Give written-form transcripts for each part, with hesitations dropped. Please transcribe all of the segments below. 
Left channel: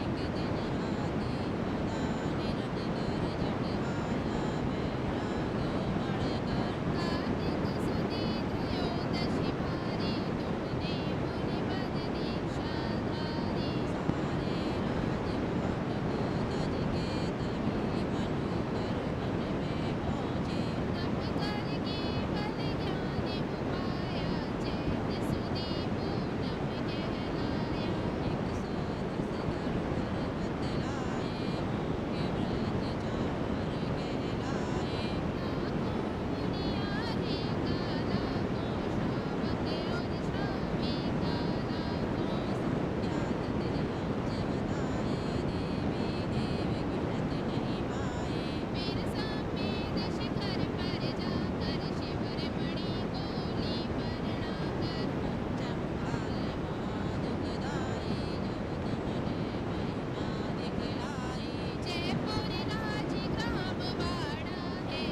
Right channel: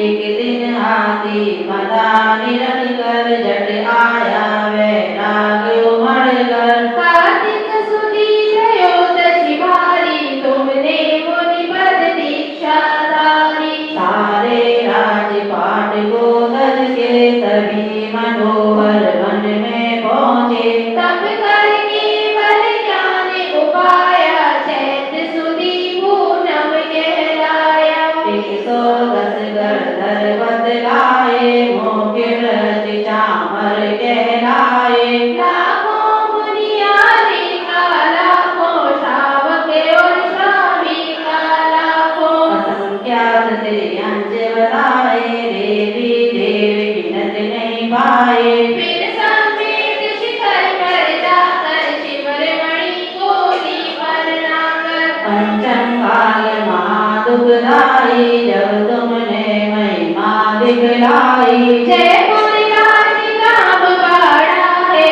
एक दिन हाथी मदा निरन कर जट आया वैराग उमड़ कर। कार्तिक सुदी त्रयोदशी भारी तुमने मुनि पद दीक्षा धारी। सारे राजपाट को धर के तभी मनोहर वन में पहुँचे। तब करके बल ज्ञान उपाया चैत्र सुदी पूनम कहलाया। एक तो दस गर्दर बतलाए मोके प्रति चामर कहलाए। लाखों मुनियारे का लाखों श्रावक और स्वामी का लाखों। असंख्यात त्रियंच बताए देवी देव गिनत नहीं पाए। फिर समेत शिखर पर जाकर शिवर मणि को दीवाना कर। पंचम काल महादुखदाई जब तुमने महिमा दिखलाई। जयपुर राज नाम बाड़ा है,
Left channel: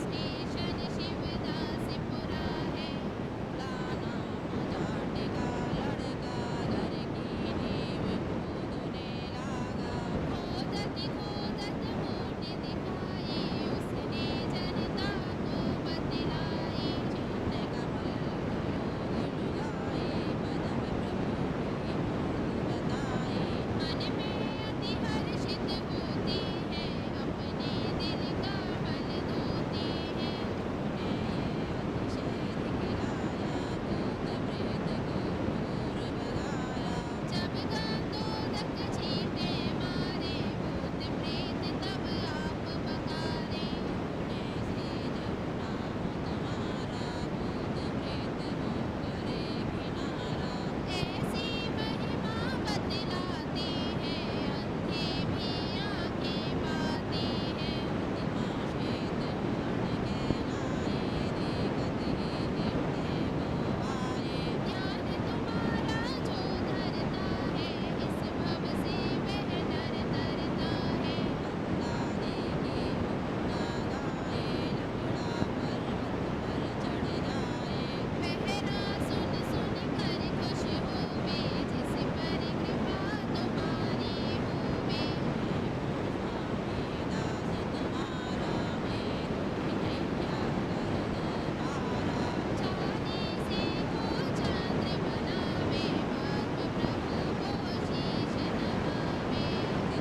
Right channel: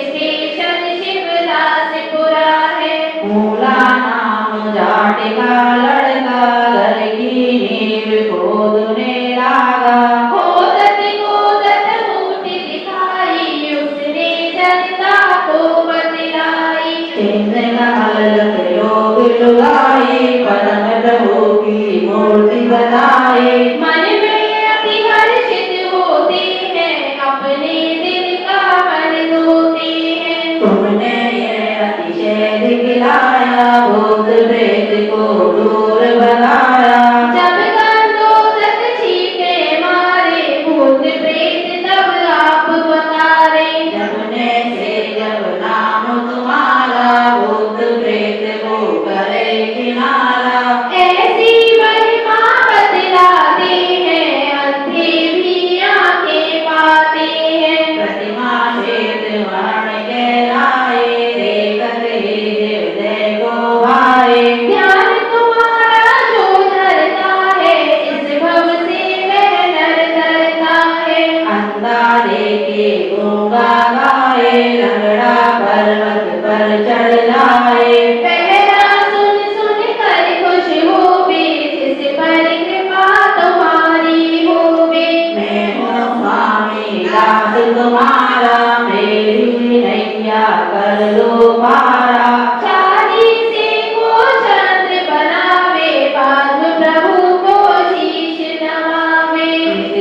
स्टेशन शिवदासपुरा है। मूला नाम जाट का लड़का घर की नींव खोदने लगा। खोदत खोदत मूर्ति दिखाई, उसने जनता को बतलाई। चिन्ह अलग लोग लुगाई परम प्रभु की मूर्ति बनाई। मन में अति हर्षित होते हैं, अपने दिल का मन धोते हैं। तुमने ये अतिशय दिखलाया भूत प्रेत को दूर भगाया। जब गंधोदक छींटे मारे, भूत प्रेत तब आप पधारे। जमुने से जब नाम तुम्हारा भूत प्रेत को करे किनारा। ऐसी महिमा बतलाते हैं, अंधे भी आंखें पाते हैं। प्रतिमा श्वेत वर्ण कहलाए देखत ही हृदय को भाए। ज्ञान तुम्हारा जो धरता है, इस भव से वह नर धरता है। अंधा देखे गूंगा गाए लंगड़ा पर्वत पर चढ़ लाए। पहरा सुन सुन कर खुश होवे, जिस पर कृपा तुम्हारी होवे। मैं हूँ स्वामी दास तुम्हारा मेरी नैया कर लो पारा। चालीसे को चंद्र बनावे, बांध प्रभु को शीश नवावे।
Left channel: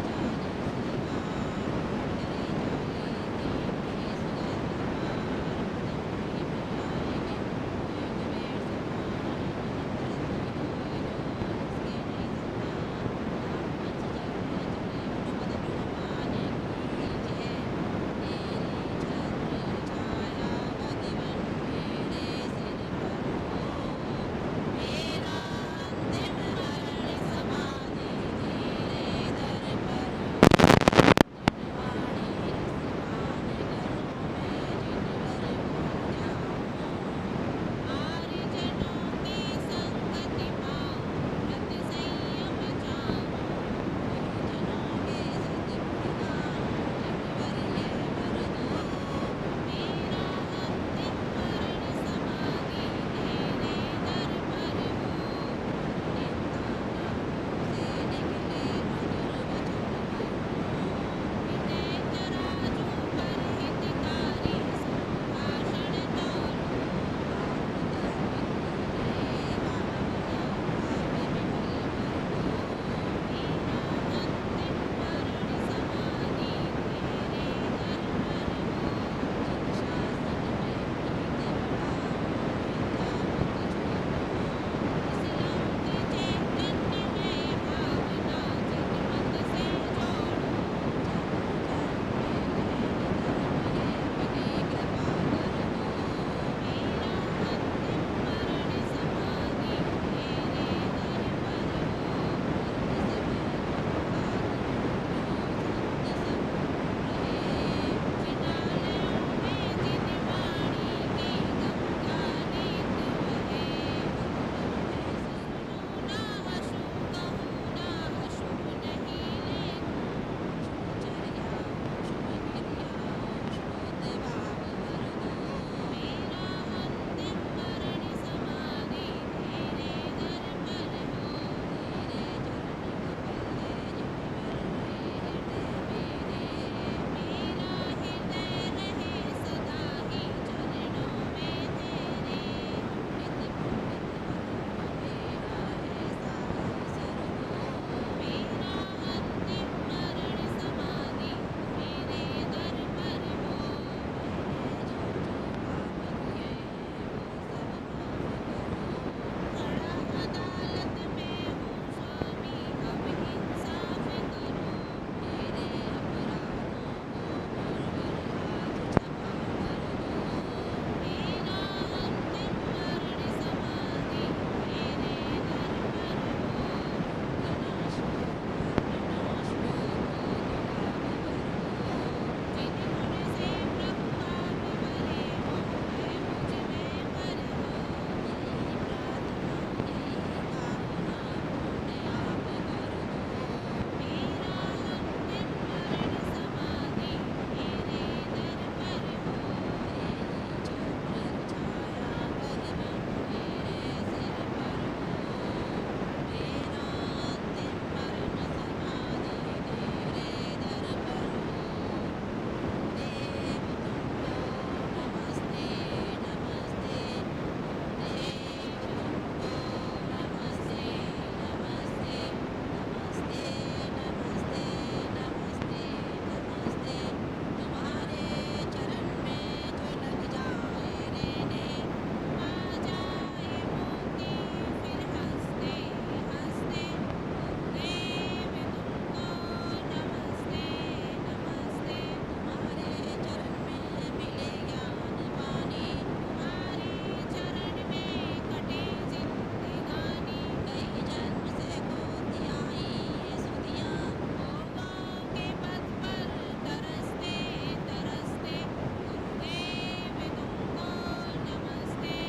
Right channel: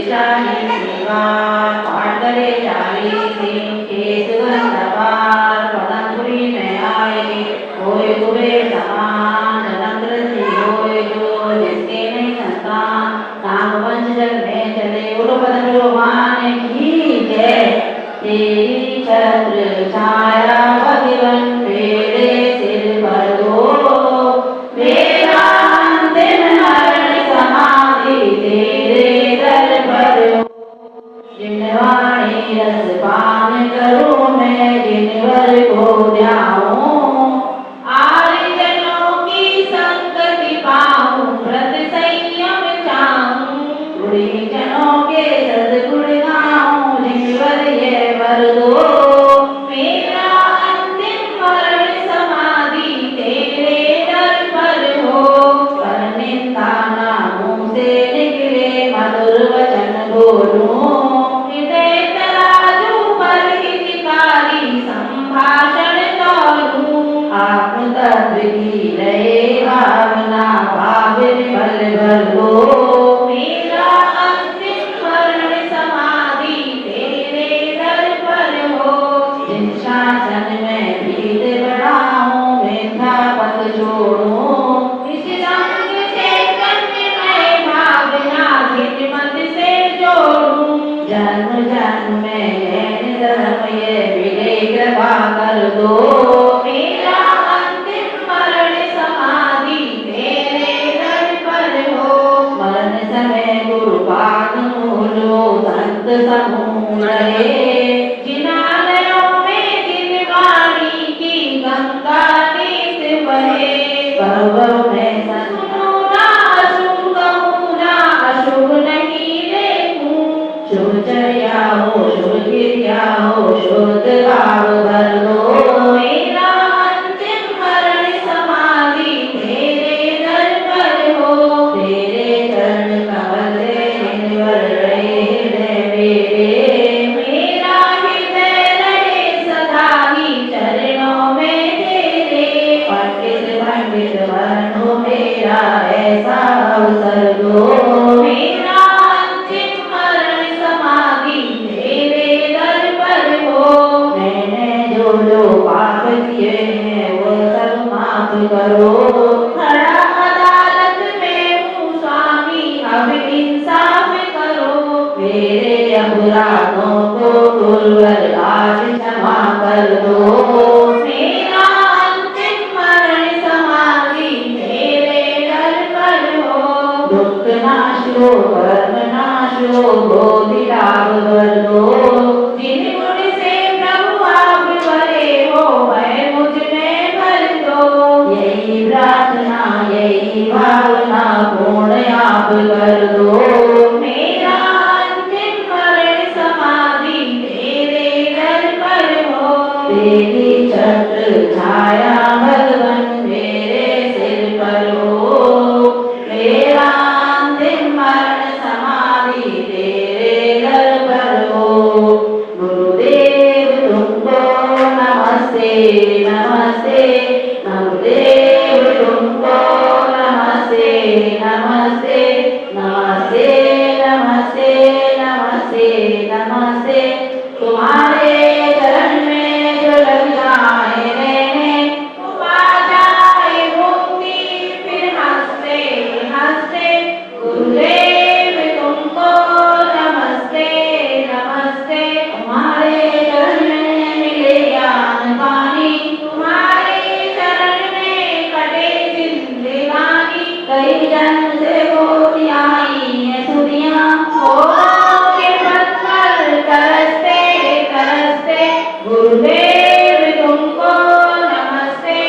चालीस निवार पाठ करे 40 दिन केत सवार पदमपुरी में आए। होए कुबेर समान नंद्र से होए जो जिसके नहीं संतान। नाम वंश जग में चले बोलो पदम मान की जय। तेरी छत्र छाया भगवन मेरे सिर पर हो। मेरा अंतिम मरण समाधि तेरे दर पर हो। जिनवाणी रस पान करूं मैं जिनवर को ध्याऊं। आर्यजनों की संगति पाऊं व्रत संयम चाहूं। गुणीजनों के सद्गुण गाऊं जिनवर ये वर दो। मेरा अंतिम मरण समाधि तेरे दर पर हो। पर निंदा ना मुंह से निकले मधुर वचन बोलूं। हृदय तराजू पर हितकारी संभाषण तौलूं। आत्म तत्व की रहे भावना भावे फल भर हो। मेरा अंतिम मरण समाधि तेरे दर पर हो। जिन शासन में प्रीत बढ़ाऊं मिथ्या पथ छोड़ूं। इस रंग चैतन्य में भावना हित मत से जोड़ूं। जन्म जन्म में जैन धर्म ये मिले कृपा कर दो। मेरा अंतिम मरण समाधि तेरे दर पर हो। नाशो कर्म नाशो बोधि लाभ वर दो। जिन गुण से प्रभु आप भरे हो वह मुझ में भर दो। यही प्रार्थना यही भावना पूर्ण आप कर दो। मेरा अंतिम मरण समाधि तेरे दर पर हो। तेरी छत्र छाया भगवन मेरे सिर पर हो। मेरा अंतिम मरण समाधि तेरे दर पर हो। गुरुदेव तुमको नमस्ते नमस्ते। गुरुदेव तुमको नमस्ते नमस्ते नमस्ते नमस्ते नमस्ते नमस्ते। तुम्हारे चरण में जो लग जाए रहने वो पा जाए मुक्ति फिर हंसते हंसते। गुरुदेव तुमको नमस्ते नमस्ते। तुम्हारे चरण में मिले ज्ञान पानी तुम्हारे चरण में कटे जिंदगानी। कई जन्म से होती आई है दुनिया होठों के पत्थर तरसते तरसते। गुरुदेव तुमको नमस्ते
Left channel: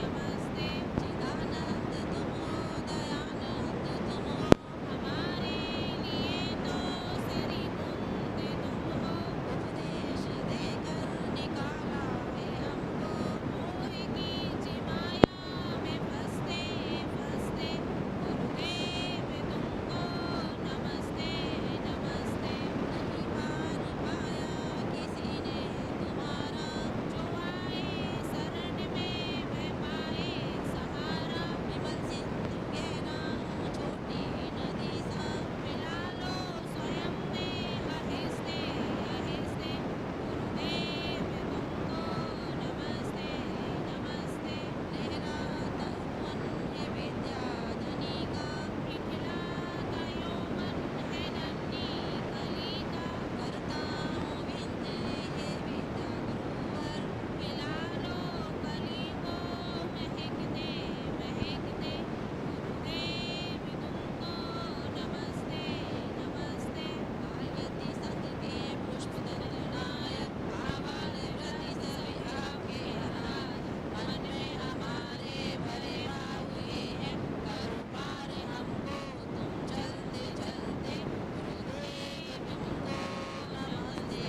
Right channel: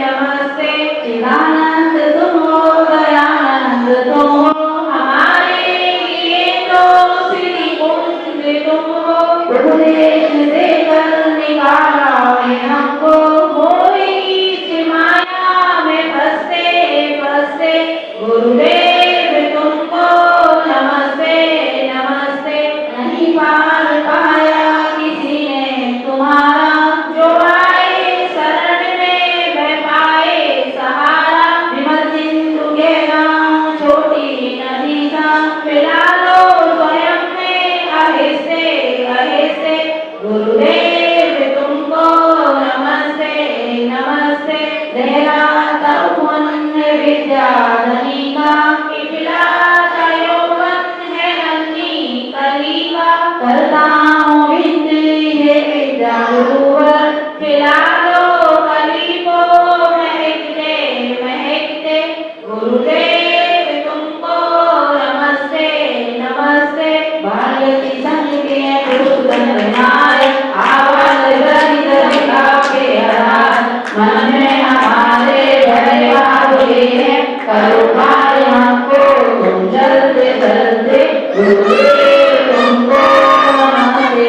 नमस्ते। चिदानंद तुम हो दयानंद तुम हो हमारे लिए तो श्री कुंज तुम हो। उपदेश देकर निकाला है हमको मोही माया में फंसते फंसते। गुरुदेव तुमको नमस्ते नमस्ते। नहीं पार पाया किसी ने तुम्हारा जो आए शरण में वह पाए सहारा। विमल सिंधु के नाम छोटी नदी का पिला लो स्वयं में आहिस्ते आहिस्ते। गुरुदेव तुमको नमस्ते नमस्ते। लहराता मन विद्या धनी का पिलाता यौवन है नन्ही कली का। करता हूँ विनती हे विद्या गुरुवर पिला दो कली को महकते महकते। गुरुदेव तुमको नमस्ते नमस्ते। भारती संघ के पुरुषोत्तम विनायक आवाज गति गति आपके आधार। मन में हमारे बड़े बाबुले हैं करो पार हमको तुम चलते चलते। गुरुदेव तुमको नमस्ते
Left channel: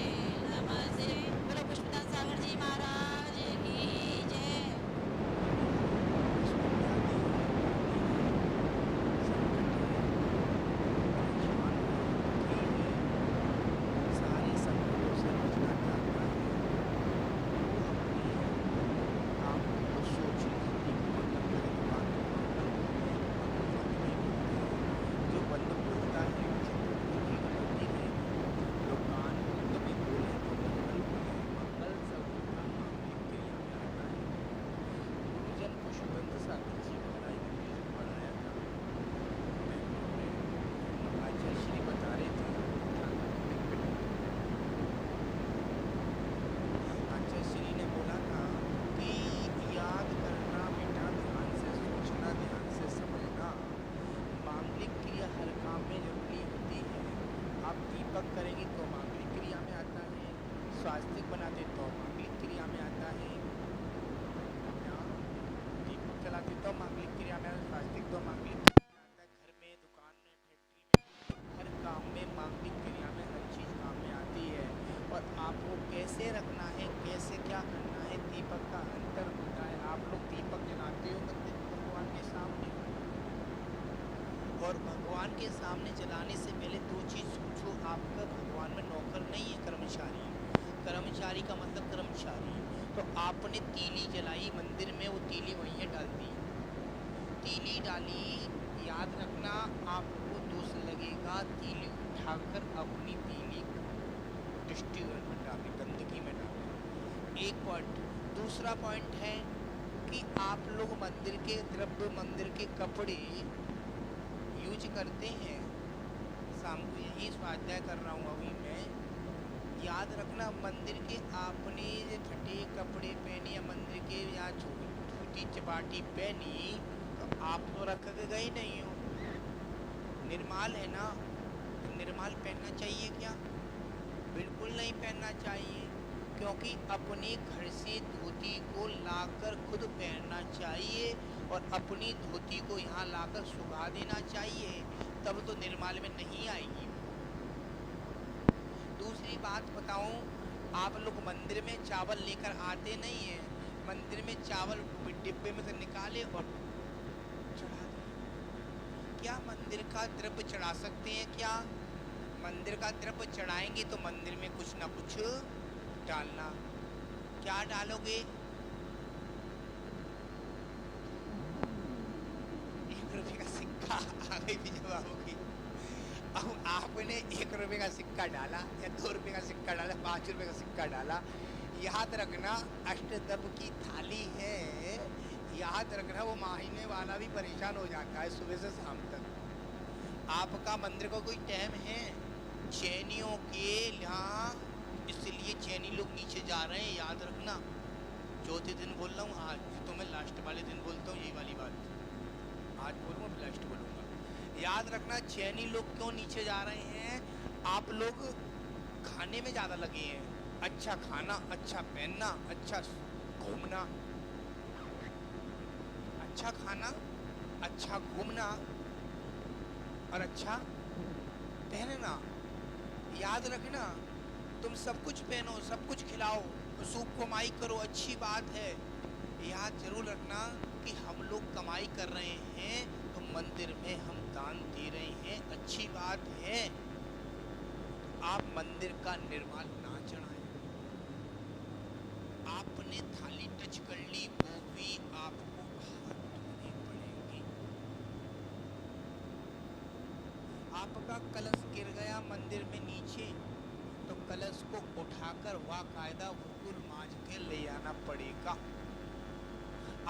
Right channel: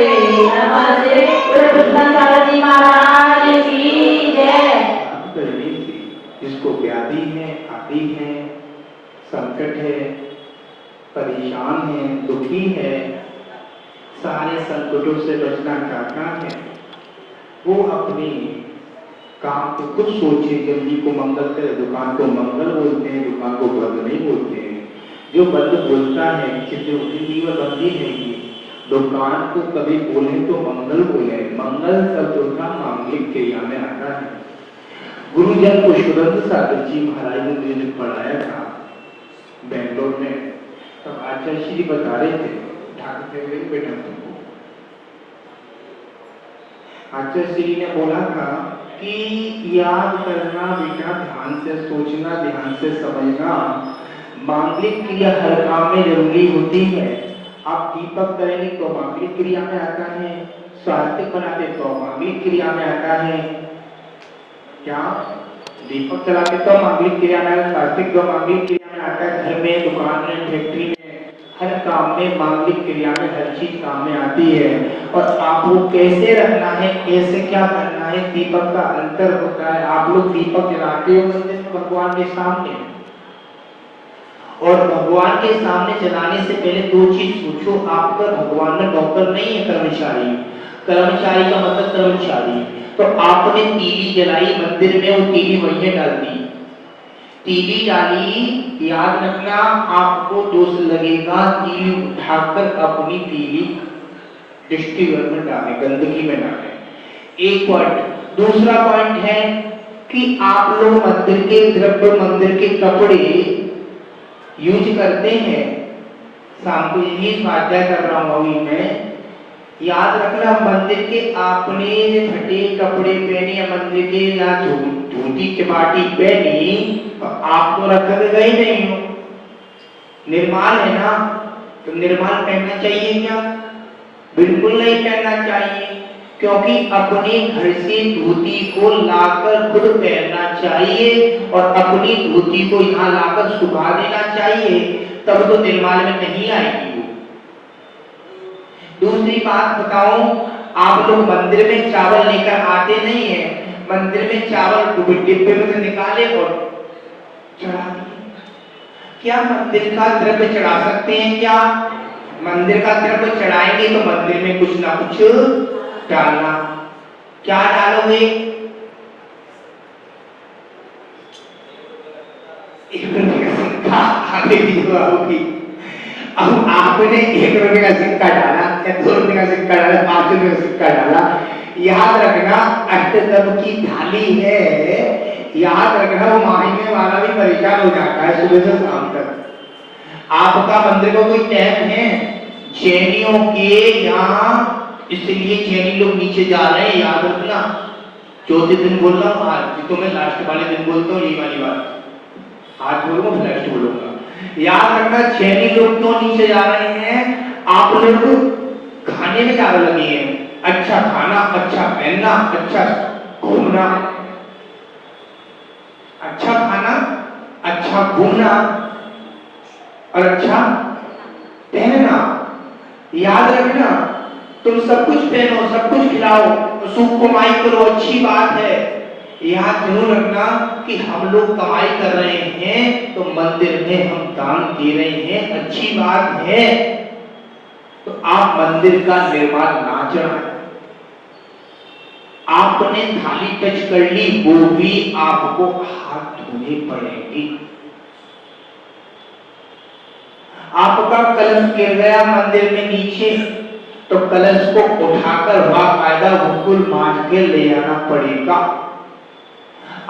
नमस्ते। गुरुदत्त जी महाराज की जय। जिसको व्याधि है आदि है संकट है परेशान है दुखी है सारे संकटों से बचना चाहता है वो अपने काम को कुछ सोचे। गंदी को मंगल करे दुकान को मंगल बोलते हैं दुकान को बंद नहीं बोलते हैं। जो बंद बोलता है बंदी है कि दुकान को कभी बोले तो मंगल बोले। मंगल शब्द का मांगलिक क्रिया में आता है। गुरुजन पुष्पदत्त सागर जी महाराज ने मुझे पढ़ाया था बेंगलोर में। तब आचार्य श्री बता रहे थे बेटा आचार्य श्री ने बोला था कि याद करना बेटा ध्यान से सोचना ध्यान से समझना। मांगलिक क्रिया हर काम में जरूरी होती है। आप दीपक करेंगे तो मांगलिक क्रिया में आता है। स्वास्थ्य बनाते तो मांगलिक क्रिया में आता है। क्या दीपक जलाते तो मांगलिक क्रिया में स्वास्थ्य तो मांगलिक क्रिया में आता है। घर में दुकान में फैक्ट्री में हर काम में मांगलिक क्रिया में हर चीज काम में आती है। और आपको कैसे रखना है कैसे क्या करना है दीपक का अंतर होता है। आप लोग दीपक जलाते हो मंदिर में भगवान के सामने और भगवान के सामने जलाने से पहले दो चीज पूछो। आपका भगवान में डॉक्टर नहीं है कर्मचारी। कर्मचारी का मतलब कर्मचारी। तो आपने टीवी जलाई मंदिर में वो टीवी वहीं डाल दी। टीवी डाली याद रखना आपको दोष लगेगा। टीवी उठाकर अपनी टीवी दृष्टिगत में डालें गंदगी में डालें। एक पॉइंट। दूसरा पॉइंट है कि आप लोग मंदिर के द्रव्य मंदिर के कपड़े यूज करते हैं। शाम को यही स्वाध्याय कर रहा हूँ अभी मैं। याद रखना मंदिर के आपने फटे कपड़े पहने या मंदिर के या धोती चपाटी पहनी तो आपको रखा गए नहीं हो। निर्माल है ना, तो निर्माल पहनना चाहिए क्या? बिल्कुल नहीं पहनना चाहिए, क्योंकि अपने घर से धोती को लाकर खुद पहनना चाहिए और अपनी धोती को यहाँ लाकर सुखा देना चाहिए, तब तो निर्माल में नहीं आएगी वो। दूसरी बात बताऊं, आप लोग मंदिर में चावल लेकर आते नहीं है, मंदिर में चावल डिब्बे में से निकाले और चढ़ा दिए। क्या मंदिर का द्रव्य चढ़ा सकते हैं क्या? मंदिर का द्रव्य चढ़ाएंगे तो मंदिर में कुछ ना कुछ डालना। क्या डालोगे? आगे होगी। अब आपने 1 रुपए का सिक्का डाला या 2 रुपए का सिक्का डाला, 5 रुपए का सिक्का डाला, याद रखना अष्टदम की थाली है, याद रखना वो मांगने वाला भी परेशान हो जाता है सुबह से शाम तक। आपका मंदिर को कोई टाइम है? जैनियों के यहाँ, इसलिए जैनी लोग नीचे जा रहे हैं, याद रखना। चौथे दिन बोल रहा हूँ, आज तो मैं लास्ट वाले दिन बोलता हूँ ये वाली बात, आज बोलूंगा लास्ट बोलूंगा। याद रखना जैनी लोग क्यों नीचे जा रहे हैं? आप लोग खाने में ज्यादा लगे हैं, अच्छा खाना, अच्छा पहनना, अच्छा घूमना, अच्छा खाना, अच्छा घूमना और अच्छा पहनना। याद रखना, तुम सब कुछ पहनो, सब कुछ खिलाओ, सुख कमाई करो, अच्छी बात है। याद जरूर रखना कि हम लोग कमाई कर रहे हैं तो मंदिर में हम दान दे रहे हैं, अच्छी बात है, तो आप मंदिर का निर्माण ना चढ़ाएं। आपने थाली टच कर ली, वो भी आपको हाथ धोने पड़ेंगे। आपका कलश गिर गया मंदिर में नीचे, तो कलश को उठाकर बाकायदा बिल्कुल मांझ के ले आना पड़ेगा।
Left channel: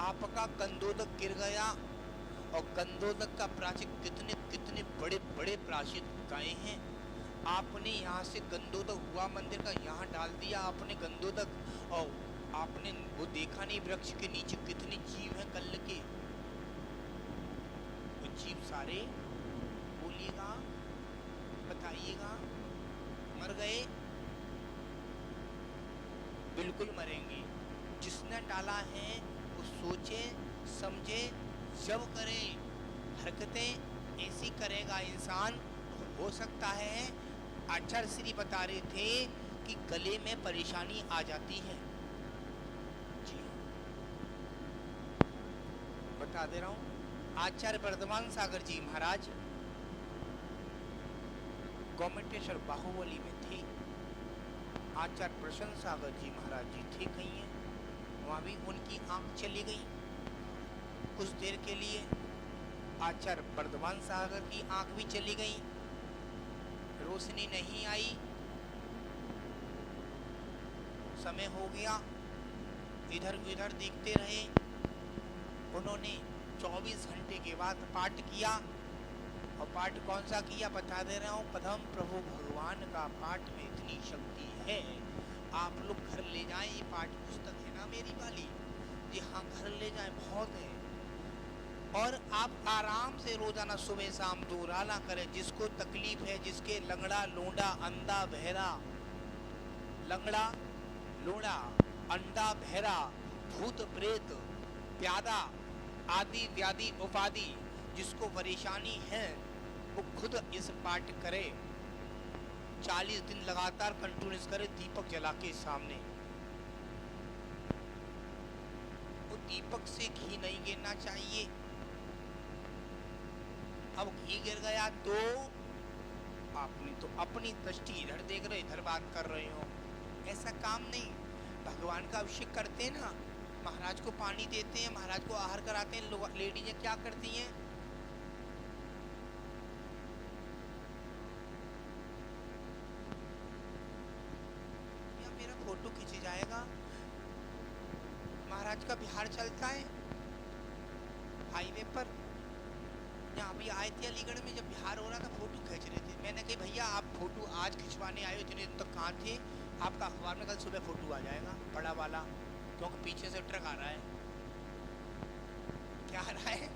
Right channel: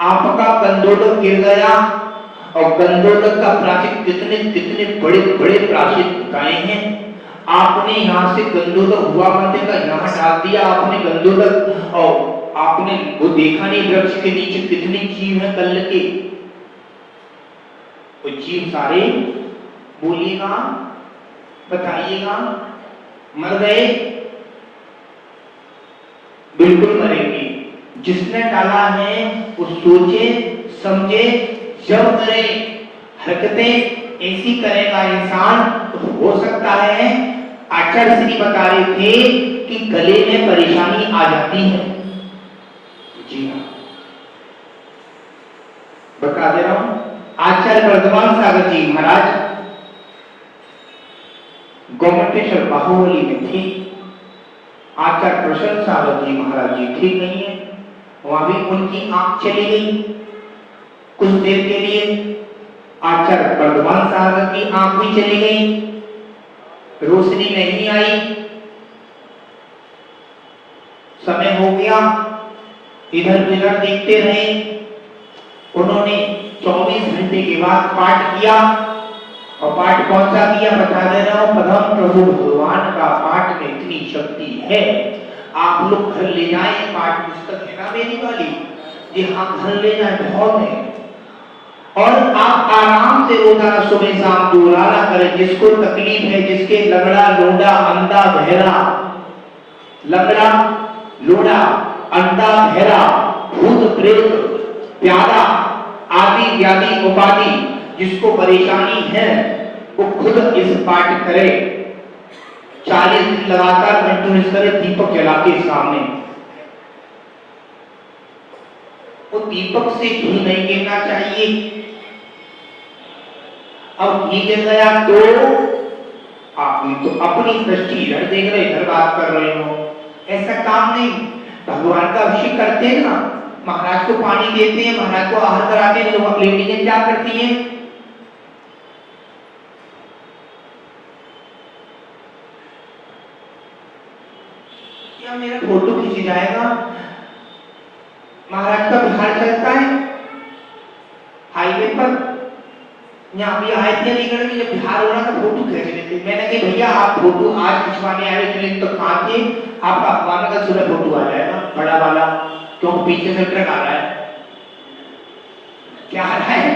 आपका कंदोदक गिर गया, और कंदोदक का प्राचीन कितने बड़े बड़े प्राचीन बताए हैं। आपने यहाँ से कंदोदक हुआ मंदिर का यहाँ डाल दिया आपने कंदोदक, और आपने वो देखा नहीं वृक्ष के नीचे कितने जीव हैं कल के, वो जीव सारे बोलिएगा, बताइएगा, मर गए? बिल्कुल मरेंगे। जिसने डाला है वो सोचे समझे जब करे, हरकतें ऐसी करेगा इंसान तो हो सकता है, आचार्य श्री बता रहे थे कि गले में परेशानी आ जाती है। जी हाँ, बता दे रहा हूं। आचार्य वर्धमान सागर जी महाराज गोमटेश्वर बाहुबली में थे, आचार्य प्रसन्न सागर जी महाराज जी ठीक नहीं है, वहां भी उनकी आंख चली गई कुछ देर के लिए। आचार्य वर्धमान सागर की आंख भी चली गई, रोशनी नहीं आई, समय हो गया, इधर उधर देखते रहे। उन्होंने 24 घंटे के बाद पाठ किया, और पाठ कौन सा किया बता दे रहा हूं, पदम प्रभु भगवान का पाठ में इतनी शक्ति है। आप लोग घर ले जाएं, पाठ पुस्तक है ना मेरी वाली, जी हाँ घर ले जाएं, बहुत है। और आप आराम से रोजाना सुबह शाम दोहराना करें। जिसको तकलीफ है, जिसके लंगड़ा लोड़ा अंधा बहरा, लंगड़ा लोड़ा अंधा बहरा, भूत प्रेत प्यादा आदि व्याधि उपाधि जिसको परेशानी है, वो खुद इस पाठ करे। 40 दिन लगातार कंटिन्यूस करे, दीपक जला के सामने। वो दीपक से घी नहीं गिरना चाहिए। अब घी गिर गया तो आपने तो अपनी दृष्टि इधर देख रहे, इधर बात कर रहे हो, ऐसा काम नहीं। भगवान का अभिषेक करते हैं ना, महाराज को पानी देते हैं, महाराज को आहार कराते हैं, लोग लेडीजें क्या करती हैं, क्या मेरा फोटो खींच जाएगा, महाराज का बिहार चलता है हाईवे पर, यहाँ भी आए थे लेकर जब बिहार हो रहा था फोटो खींच लेते। मैंने कहा भैया आप फोटो आज खिंचवाने आए इतने तो कहाँ थे, आपका अखबार का पूरा फोटो आ जाएगा बड़ा वाला, क्योंकि पीछे से ट्रक आ रहा है। क्या आ रहा है?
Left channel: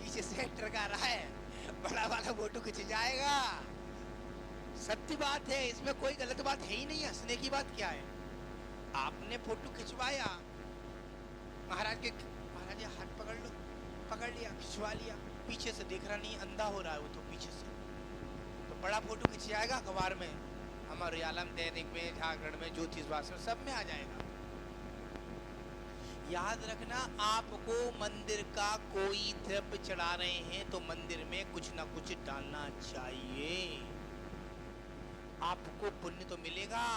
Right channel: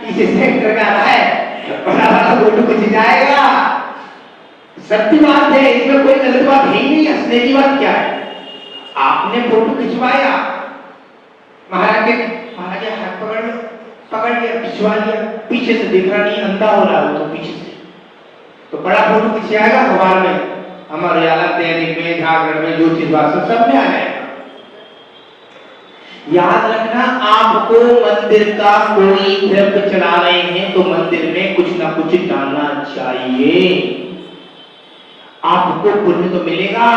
पीछे से ट्रक आ रहा है, बड़ा वाला फोटो खिंच जाएगा। सत्य बात है, इसमें कोई गलत बात है ही नहीं। हंसने की बात क्या है? आपने फोटो खिंचवाया, महाराज महाराज हाथ पकड़ लिया, खिंचवा लिया, पीछे से देख रहा नहीं, अंधा हो रहा है तो पीछे से, तो बड़ा फोटो खिंचाएगा भगवान में, हमारे अलग दैनिक में, जागरण में, जो चीज वास्तव सब में आ जाएगा। याद रखना, आपको मंदिर का कोई द्रव्य चढ़ा रहे हैं तो मंदिर में कुछ ना कुछ डालना चाहिए, आपको पुण्य तो मिलेगा।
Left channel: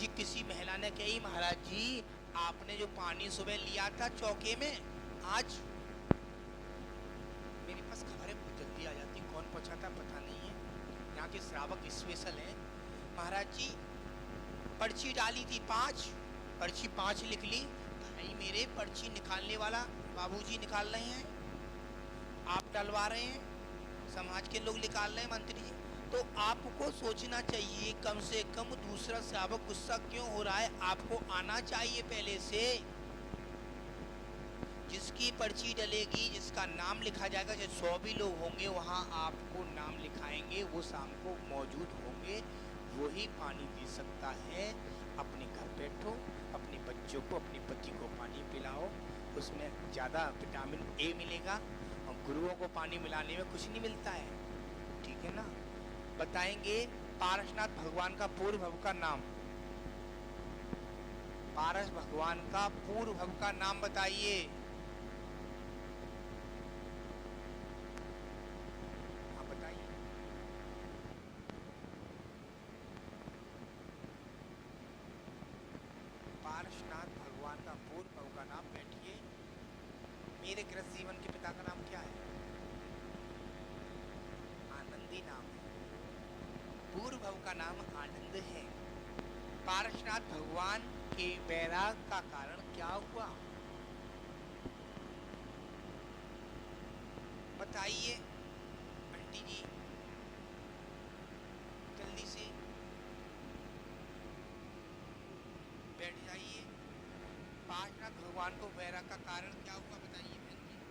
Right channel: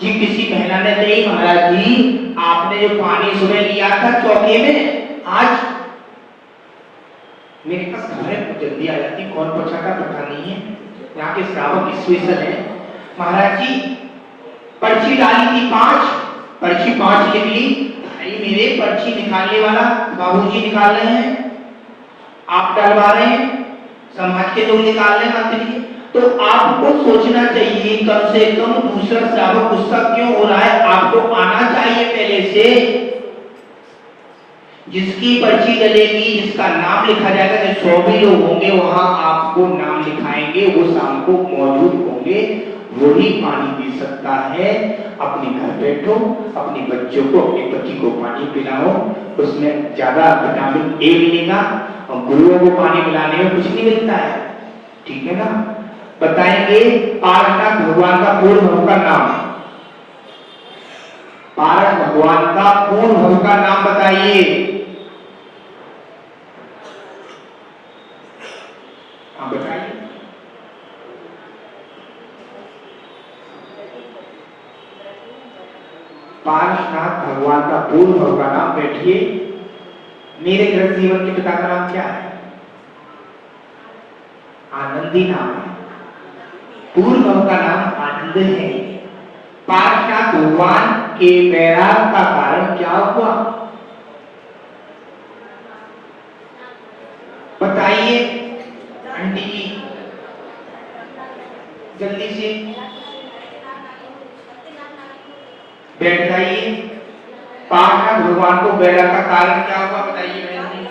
जी किसी महिला ने कही, महाराज जी आपने जो पानी सुबह लिया था चौके में, आज मेरे पास घर है, जल्दी आ जाती, कौन पहुंचाता पता नहीं है, यहाँ के श्रावक स्पेशल है। महाराज जी पर्ची डाली थी 5, पर्ची 5 निकली, भाई मेरे पर्ची निकालने वाला बाबूजी निकाल रहे हैं, आप डलवा रहे हैं, समाज के लोग निकाल रहे हैं मंत्री, तो आपको सोचना चाहिए कम से कम दूसरा श्रावक गुस्सा क्यों हो रहा है, आपको आना चाहिए पहले से। जिसकी पर्ची डलेगी, जिसका नाम लिखा जाएगा, जो 100 भी लोग होंगे वहां आपको नाम लिखाएंगे, वो शाम को मौजूद होंगे, वही पानी पी सकता है। अपने घर बैठो, अपने बच्चों को, अपने पति को पानी पिलाओ, उसमें ज्यादा विटामिन ए मिलेगा, और गुरुओं को पानी पिलाने में कुछ नहीं मिलता है, ठीक है ना। बताएंगे पार्वती भगवान का पूर्ण भव का नाम, पार्वती भगवान का पूर्ण भव का नाम बताइए। आप बताइए। पार्श्वनाथ भगवान का पूर्ण भव का नाम, बैठिए। मेरे ग्रस्त जीवन के पिता का नाम क्या है? आनंदी नाम है, पूर्ण भव का नाम आनंद है। पार्श्वनाथ भगवान के वैराग का कारण क्या हुआ बताइए आंटी जी, जल्दी से बैठ जाइए। पार्श्वनाथ भगवान को वैराग का कारण क्या हुआ बताइए बहन जी,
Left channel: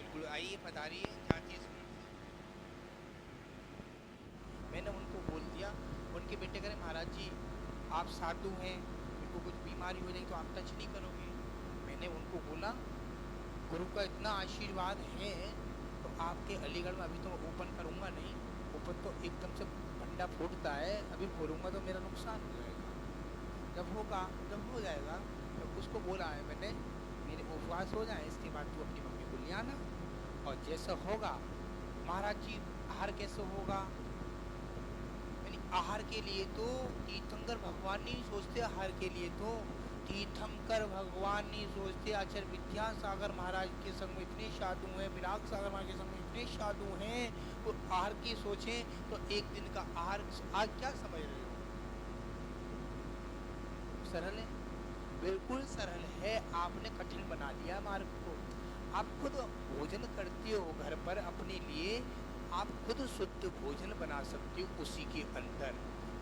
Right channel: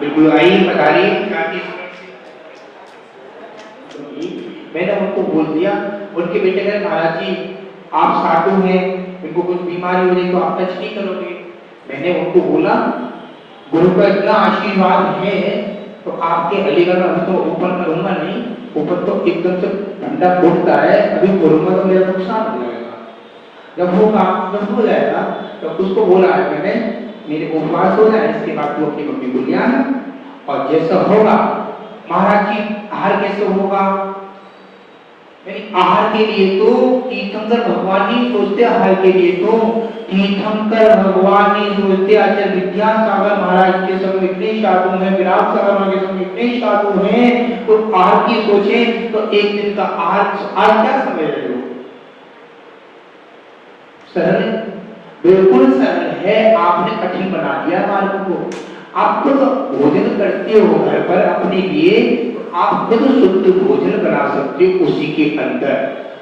बिल्कुल आइए बता रही। मैंने उनको बोल दिया, उनके बेटे कहे महाराज जी आप साधु हैं, इनको कुछ बीमारी हो रही तो आप टच नहीं करोगे। मैंने उनको बोला गुरु का इतना आशीर्वाद है तो आपके अलीगढ़ में तो ओपन करूंगा नहीं, ऊपर तो एकदम से ठंडा फूटता है, अभी करूंगा तो मेरा नुकसान हो जाएगा। जब होगा, जब हो जाएगा तो उसको बोला है मैंने, मेरे उपवास हो जाए, इसके बाद तू अपनी मम्मी को ले आना, और जैसा होगा महाराज जी आहार कैसे होगा, आहार के लिए तो तीर्थंकर भगवान ही सोचते, आहार के लिए तो तीर्थंकर भगवान ही सोचते। आचार्य विद्यासागर महाराज के समय इतने साधु हैं, विराट सागर महाराज के समय इतने साधु हैं, तो आहार की सोचे तो एक दिन का आहार क्या समय रहे हो, सरल, बिल्कुल सरल है। आपने कठिन बना दिया मार्ग को। आप खुद भोजन करते हो घर पर अपने लिए, आप खुद शुद्ध भोजन बना सकते हो उसी के अंदर।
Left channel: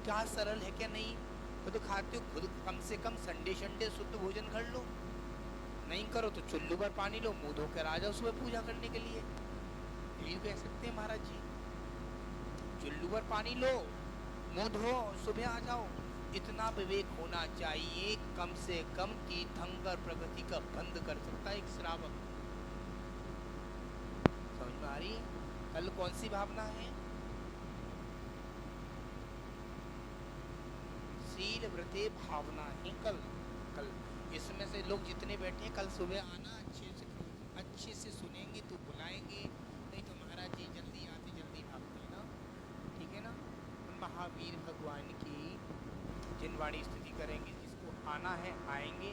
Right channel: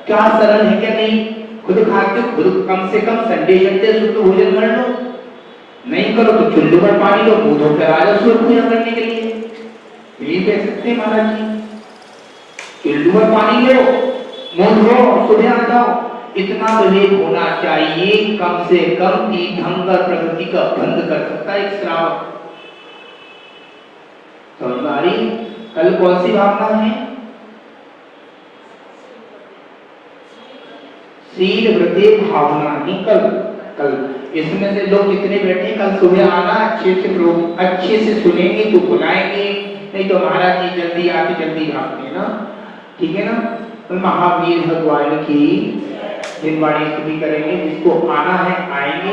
क्या सरल है क्या? नहीं, खुद खाते हो, खुद कम से कम संडे शुद्ध भोजन कर लो, नहीं करो तो चुल्लू पर पानी लो, मुंह धोकर आ जाओ सूर्य पूजा करने के लिए, यही कह सकते हैं महाराज जी। चुल्लू पर पानी लो, मुंह धो, सुबह आ जाओ, इतना विवेक होना चाहिए। कम से कम तीर्थंकर प्रकृति का बंध कर सकता है एक श्रावक। समझ आ रही? कल कौन सी भावना है? शील वृद्धि भावना ही कल इसमें से लोग जितने बैठे कल सुबह आना, अच्छे से सुनेंगे तो बुलाएंगे, नहीं तो महाराज जी जल्दी आके जल्दी भागते ना, ठीक है ना। तो महावीर भगवान की दिनवाणी स्तुति करेंगे, जिसको आना है आएंगे।